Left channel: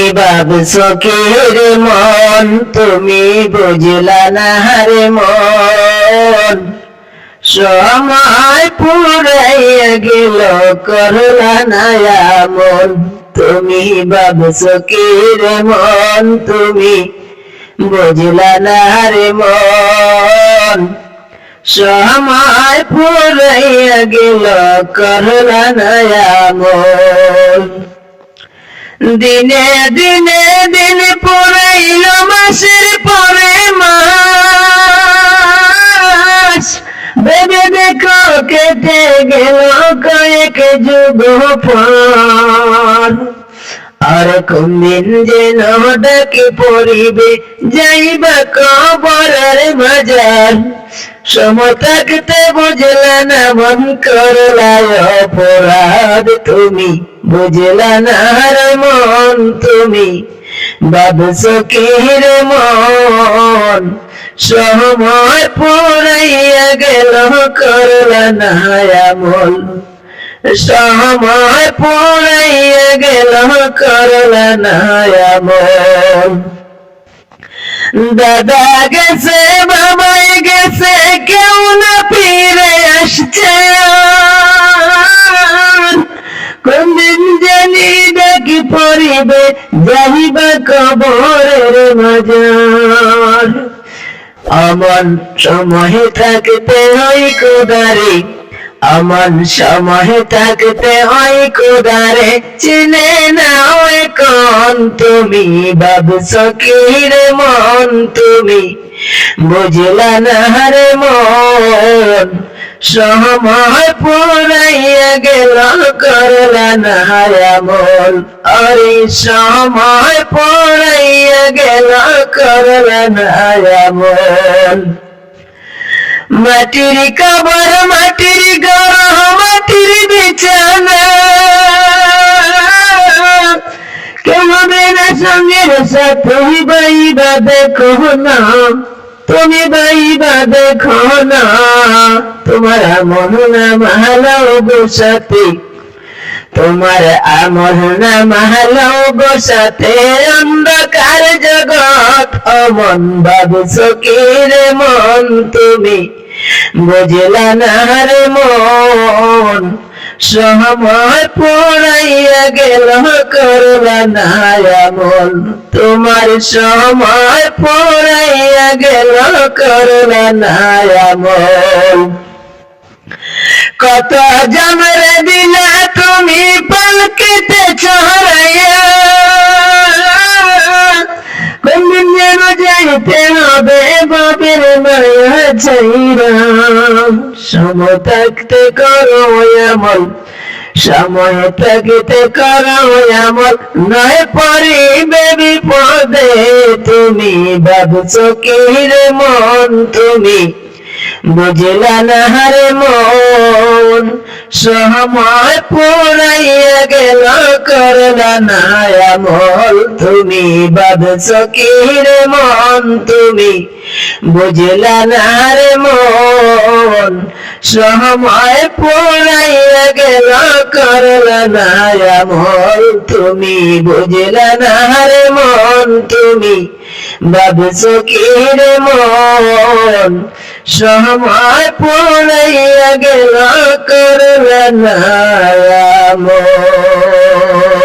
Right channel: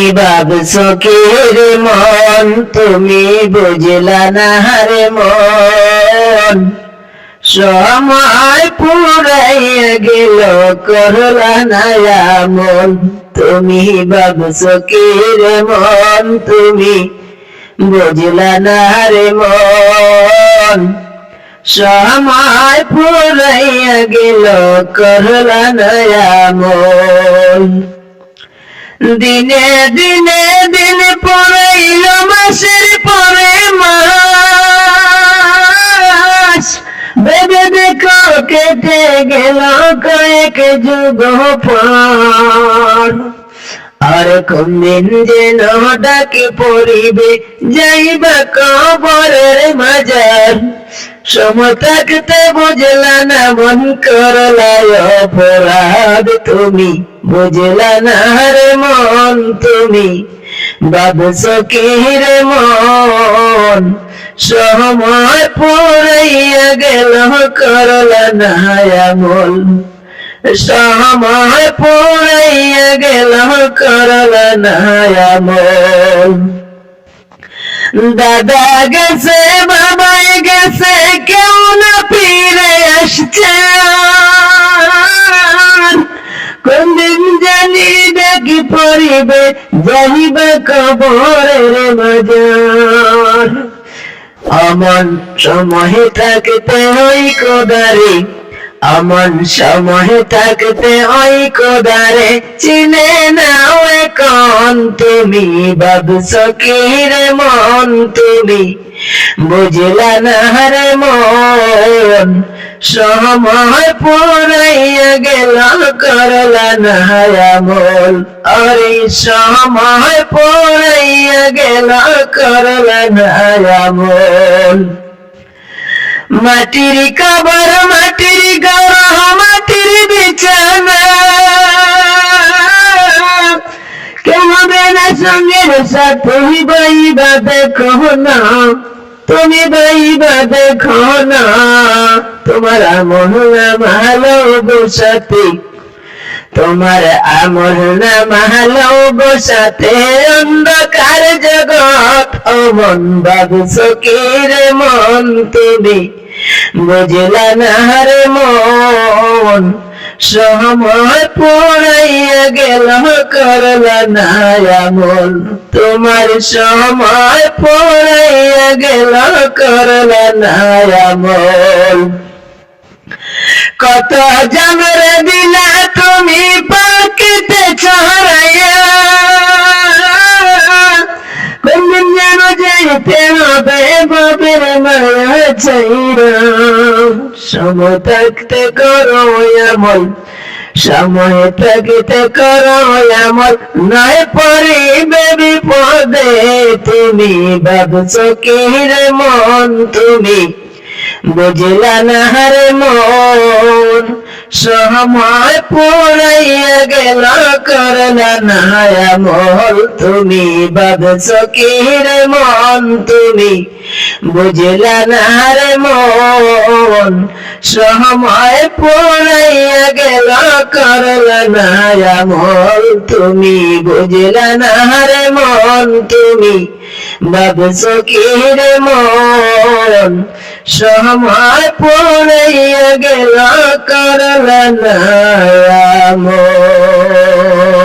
তুমি ভাবছো কি রে মন, তুমি বুঝলা না রে মন। সময় পুরাইয়া গেল করলা না আমল। তুমি ভাবছো কি রে মন, তুমি বুঝলা না রে মন। সময় পুরাইয়া গেল করলা না আমল। দিনে দিনে দিন পুরাইল মাসের পরে মাস। ভেবে দেখো কেটে গেল কয়েক যুগ পর। আর কোনদিন যেন ডাকি পড়িবে যাইবা কবরের মাজার। সময় থাকতে বুঝলা না মন করলা অপরাধ। তুমি বুঝলা না রে মন, তুমি ভাবছো কি রে মন। সময় পুরাইয়া গেল করলা না আমল। সময় পুরাইয়া গেল করলা না আমল। দাদা গেছে বাবাই গেছে কেউ না ফিরে আসছে। কোনদিন জানি ডাকি পড়িবে যাইবা কবরের মাজার। অমন সময় থাকতে ওই কোদারে, অমন সময় থাকতে ওই কোদারে চিনে না ওই কোন। তুমি ভাবছো কি রে মন, তুমি বুঝলা না রে মন। সময় পুরাইয়া গেল করলা না আমল। আরে সময় পুরাইয়া গেল করলা না আমল। মাটির কবর মাটির ঘর মাটির বিছানা। কেউ হবে না সঙ্গের সাথে বাইবা দেখো না। তুমি বাইবা দেখো না, তোমার আমল নামা গো সাথী। তোমার আমল নামা গো সাথে অন্ধকার জগৎ। অমন ভাবছো কি রে মন, তুমি বুঝলা না রে মন। সময় পুরাইয়া গেল করলা না আমল। তোমার সময় পুরাইয়া গেল করলা না আমল। কত জমরে দিলা তুমি পালকিতে ছড়াইয়া। কোনদিন যেন যাইতে হবে বাপের মায়া ছাইরা। সময় থাকতে করো আমল, সময় থাকতে করো আমল। নয় পড়িবে বিপদে। তুমি ভাবছো কি রে মন, তুমি বুঝলা না রে মন। সময় পুরাইয়া গেল করলা না আমল। তুমি ভাবছো কি রে মন, তুমি বুঝলা না রে মন। সময় পুরাইয়া গেল করলা না আমল। তুমি বুঝলা না রে মন, তুমি ভাবছো কি রে মন। সময় পুরাইয়া গেল করলা না আমল।